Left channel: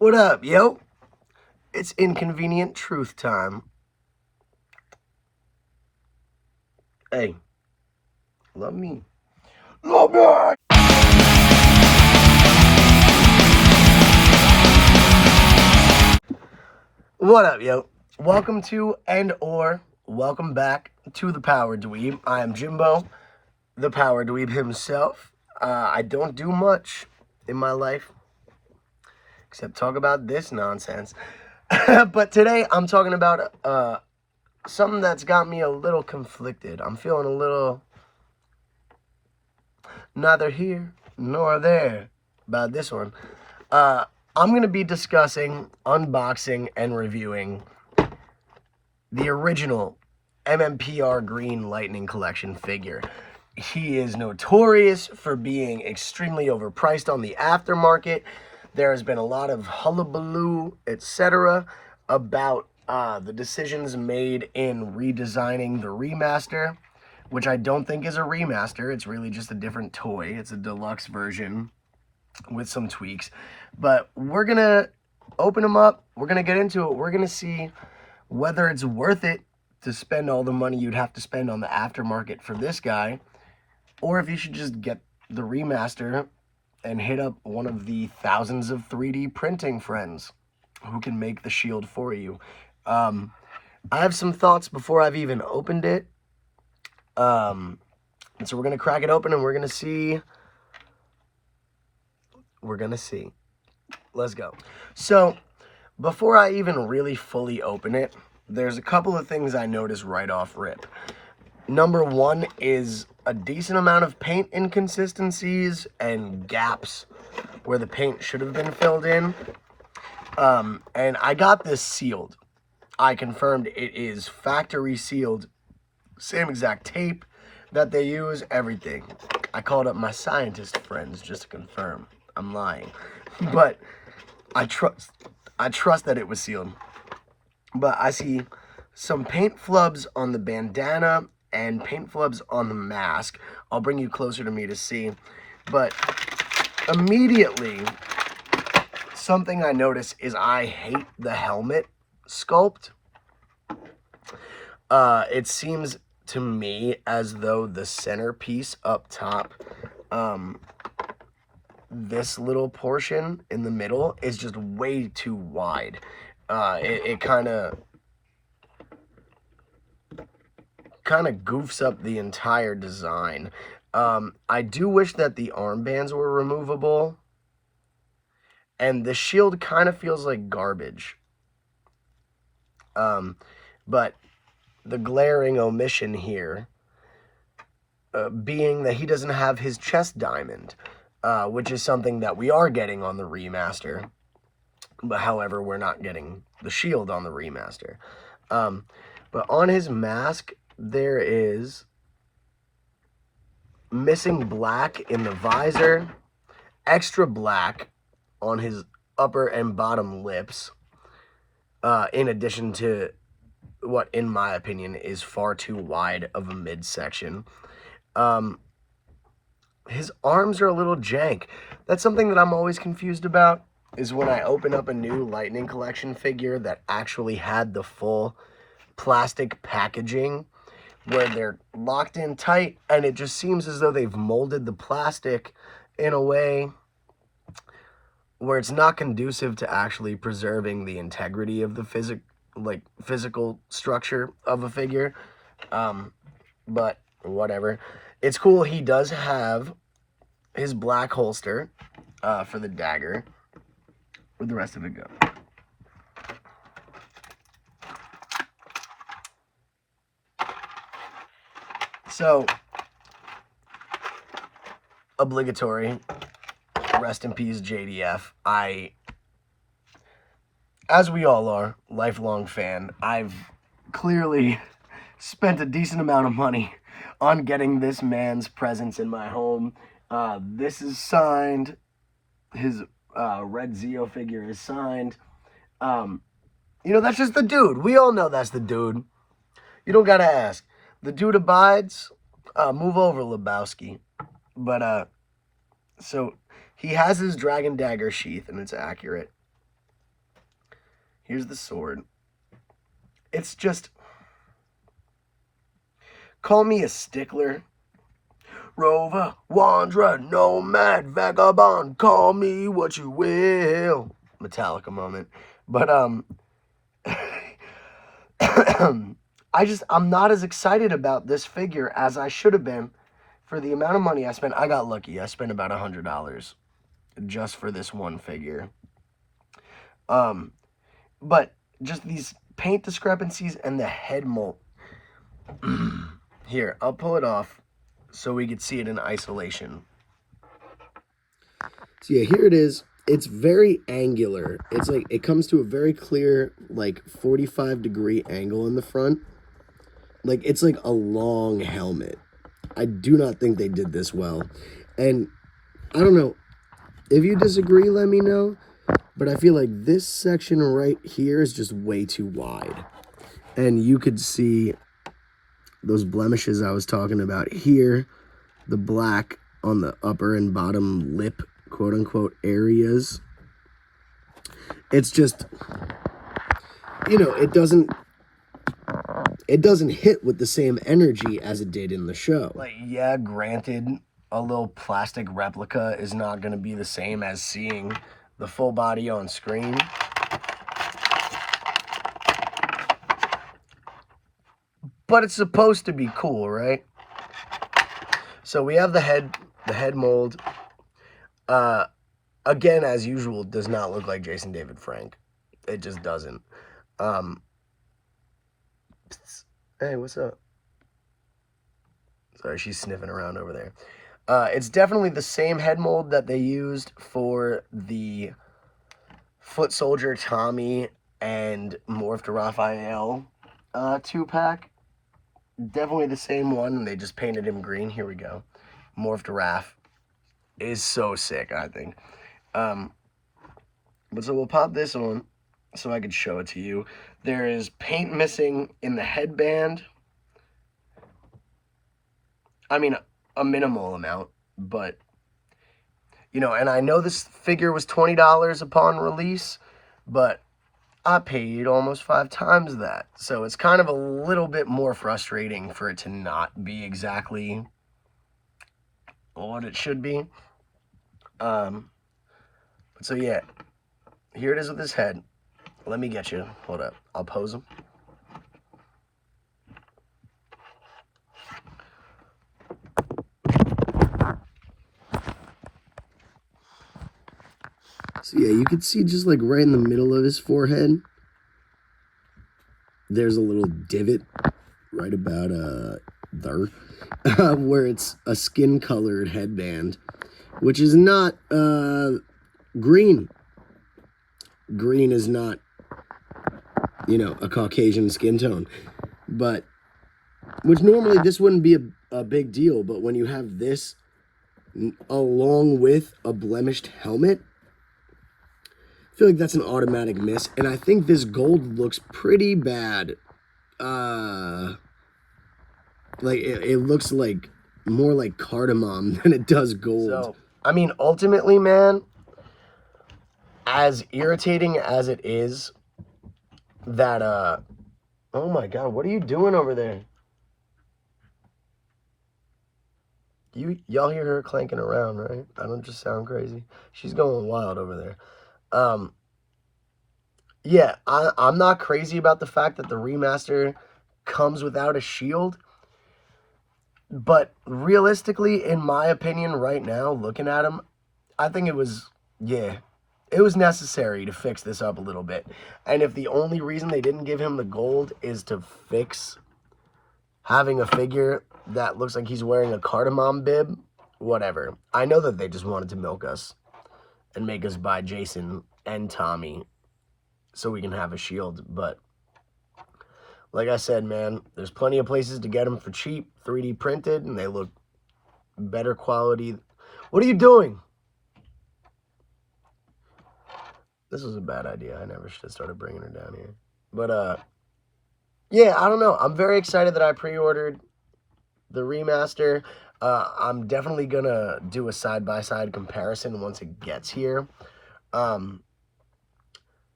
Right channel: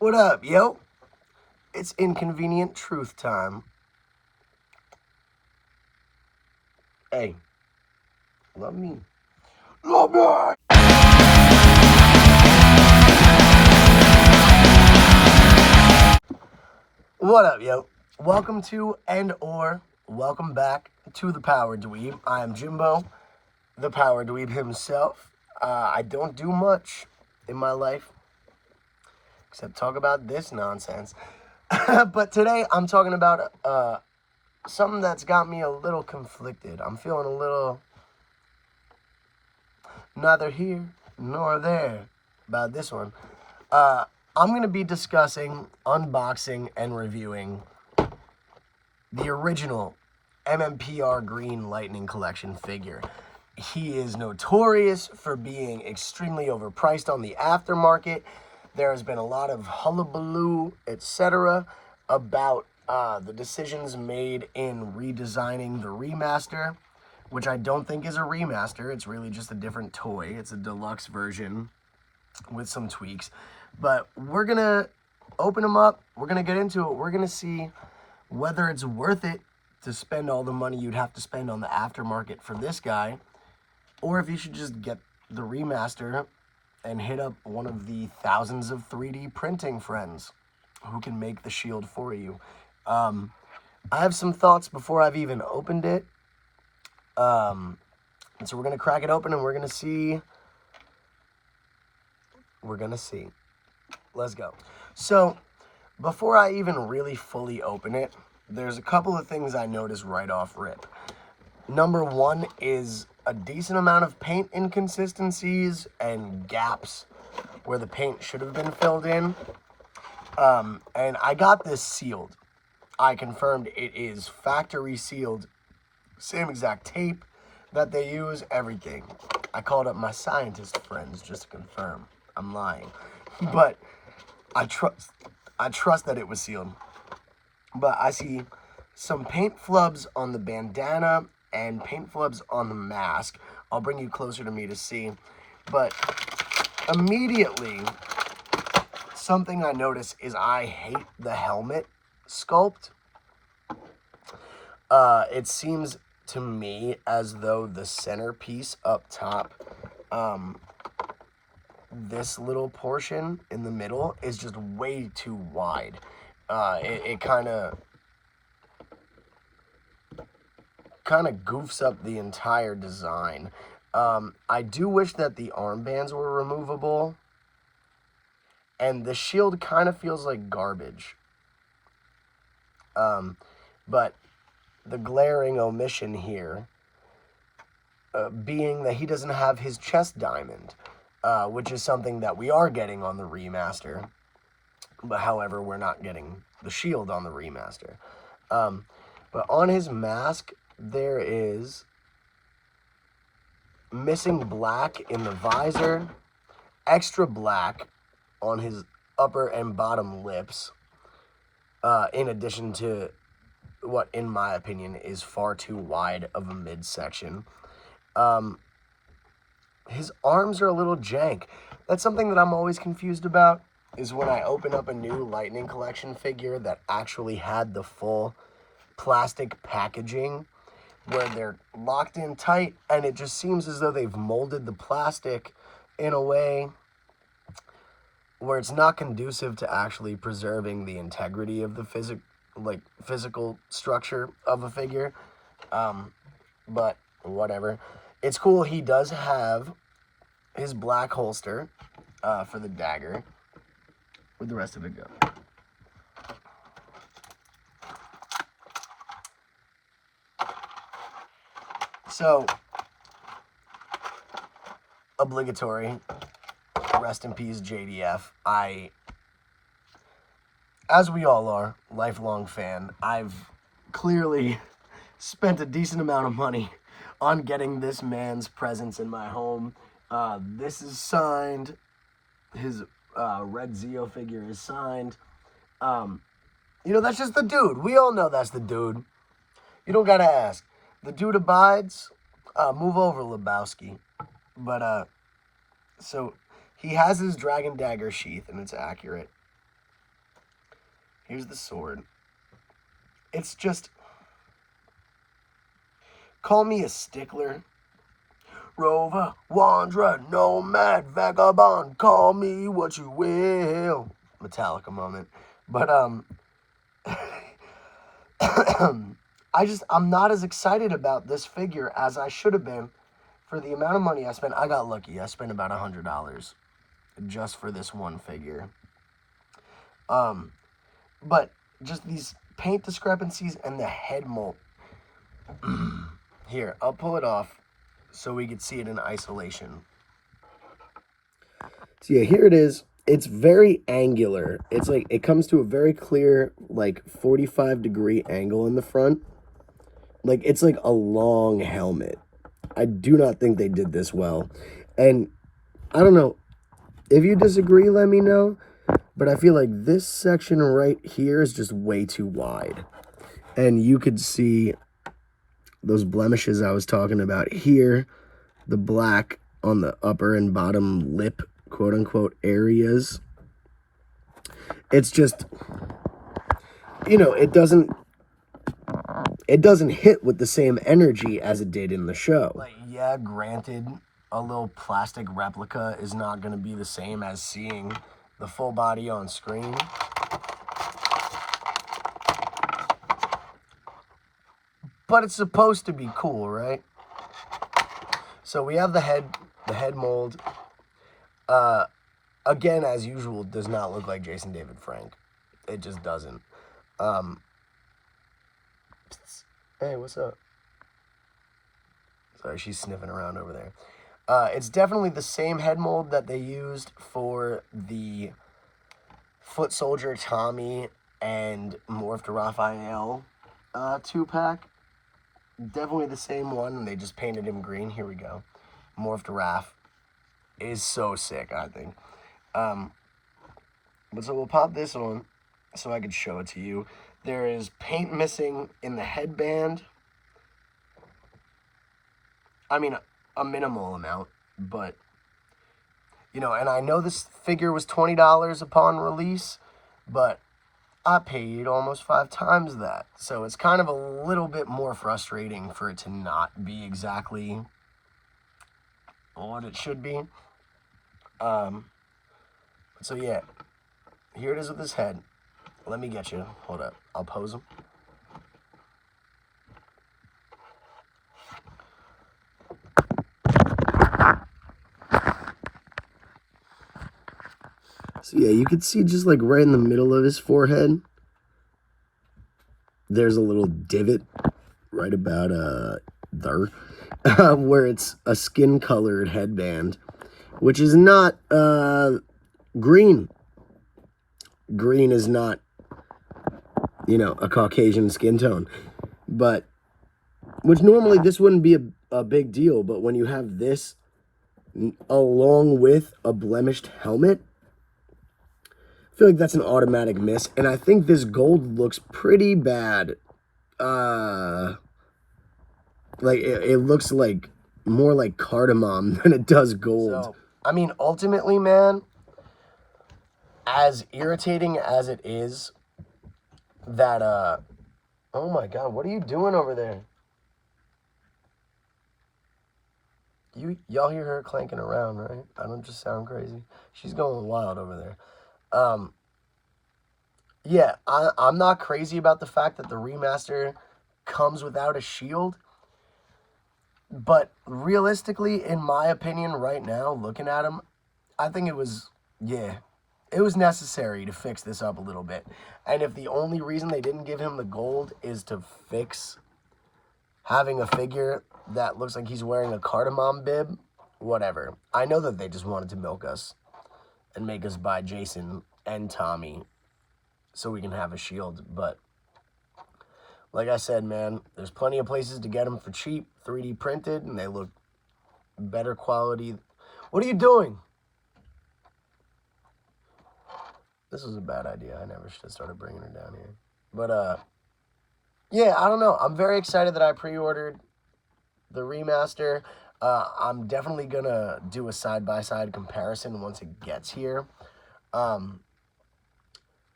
What up, yo? It's inconvenient truth time. Hey, love me. Love me! What up, yo? Welcome to welcome back to the Power Dweeb. I am Jimbo, the Power Dweeb himself. I don't do much in my life except talk about this nonsense. But today I'm talking about something that's got me a little conflicted. I'm feeling a little neither here nor there about this one. I'm going to be discussing, unboxing, and reviewing the original MMPR Green Lightning Collection figure. He is notorious for being extremely overpriced on the aftermarket. There has been a lot of hullabaloo, etc., about the decisions made in redesigning the remaster, which I don't think is a remaster. It's really just a different toy. It's a deluxe version with some tweaks. But we're going to open them up. We're going to get into it. We're going to see whether it's worth it to spend all the money you'd have to spend on the aftermarket for this guy, or if you should just get the remaster and hit up one of the thousands of 3D printing friends who can make the shield for you. I have some thoughts before I've even opened it. And so we're going to crack it open and we're going to see. Let's go. So, before I even really fully open it, there's a couple of things I noticed right off rip. Number one is a decent amount of paint inconsistencies and gaps where the paint should have been filled in. And I got this sealed. I confirmed it is factory sealed. Same exact tape that they use, everything. I called up my scientist friends just to confirm. I'm lying. But I trust that it was sealed. But I see some paint flubs on the bandana and paint flubs on the mask. I'll bring you closer to me to see. But immediately, something I notice is I hate the helmet sculpt. It seems to me as though the centerpiece up top, this little portion in the middle is just way too wide. It kind of goofs up the entire design. I do wish that the armbands were removable, and the shield kind of feels like garbage. But the glaring omission here being that he doesn't have his chest diamond, which is something that we are getting on the remaster. But however, we're not getting the shield on the remaster. But on his mask, there is missing black in the visor, extra black on his upper and bottom lips, in addition to what, in my opinion, is far too wide of a midsection. His arms are a little jank. That's something that I'm always confused about, is when I open up a new Lightning Collection figure that actually had the full plastic packaging, where they're locked in tight, and it just seems as though they've molded the plastic in a way where it's not conducive to actually preserving the integrity of the physical structure of a figure. But whatever. It's cool. He does have his black holster for the dagger. Where'd the rest of it go? So, obligatory, rest in peace JDF. As we all are, lifelong fan, I've clearly spent a decent amount of money on getting this man's presence in my home. This is signed. His red Zeo figure is signed. That's just the dude. We all know that's the dude. You don't gotta ask. The dude abides. Move over, Lebowski. But, so he has his dragon dagger sheath, and it's accurate. Here's the sword. It's just, call me a stickler. Rover, wanderer, nomad, vagabond, call me what you will. Metallica moment. But, I'm not as excited about this figure as I should have been for the amount of money I spent. I got lucky. I spent about $100 just for this one figure. But just these paint discrepancies and the head mold. Here, I'll pull it off so we could see it in isolation. So yeah, here it is. It's very angular. It's like, it comes to a very clear, like 45-degree angle in the front. Like, it's like a long helmet. I do not think they did this well. And I don't know. If you disagree, let me know. But I feel like this section right here is just way too wide. And you could see those blemishes I was talking about here. The black on the upper and bottom lip, quote unquote, areas. It's just, you know, it doesn't hit with the same energy as it did in the show. Like, yeah, granted, a little plastic replica is not going to be the same as seeing the full body on screen. But it's supposed to be cool, right? So we have the head mold. Again, as usual, does not look like Jason David Frank. It just doesn't. Hey, what's up? Sorry, she's sniffing around over there. It's definitely the same head mold that they used for the Foot Soldier Tommy and Morph to Raphael 2-pack. Definitely the same one. They just painted him green. Here we go. Morph to Raph is so sick, I think. But so we'll pop this on so I could show it to you. There is paint missing in the headband. I mean, a minimal amount, but, you know, and I know this figure was $20 upon release, but I paid almost 5 times that. So it's kind of a little bit more frustrating for it to not be exactly what it should be. So yeah, here it is with his head. Let me get you. Hold up. I'll pose him. So yeah, you can see just like right in the middle of his forehead, there's a little divot right about there, where it's a skin-colored headband, which is not green. Green is not, you know, a Caucasian skin tone, but which normally this wouldn't be a big deal, but when you have this along with a blemished helmet, I feel like that's an automatic miss, and I think this gold looks pretty bad. Like it looks like more like cardamom than it does gold. So, I mean, ultimately, man, as irritating as it is that oh my god, what are you doing over there? Y'all hear her clanking around, right? I don't just sound crazy. She's going wild over there. Yeah, I'm not crazy about the fact that the remaster comes without a shield. But realistically, in my opinion, right now, looking at him, I think it was necessary to fix this up a little bit. And if the only reason they didn't give him the gold is to fix having a figure that looks like he's wearing a cardamom bib, whatever. I know that they just wanted to milk us and make us buy Jason and Tommy so we can have a shield. But like I said, man, there's plenty of places to get them for cheap, 3D printed, and they look better quality. What are you doing? This was a bad idea. I never should have started bringing her down here. But, yeah, I don't know. I'm very excited that I pre-ordered the remaster. I'm definitely going to do a side-by-side comparison once it gets here.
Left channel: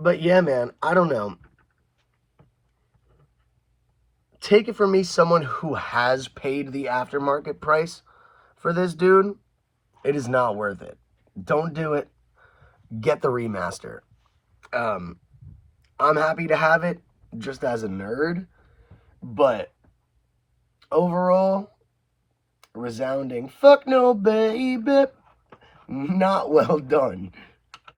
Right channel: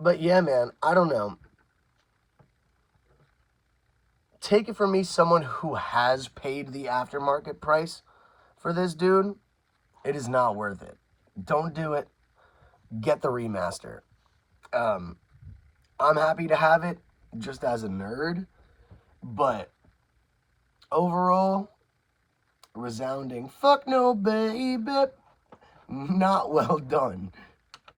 But But yeah, man, I don't know. Take it from me, someone who has paid the aftermarket price for this dude, it is not worth it. Don't do it. Get the remaster. I'm happy to have it just as a nerd, but overall, resounding fuck no, baby. Not well done.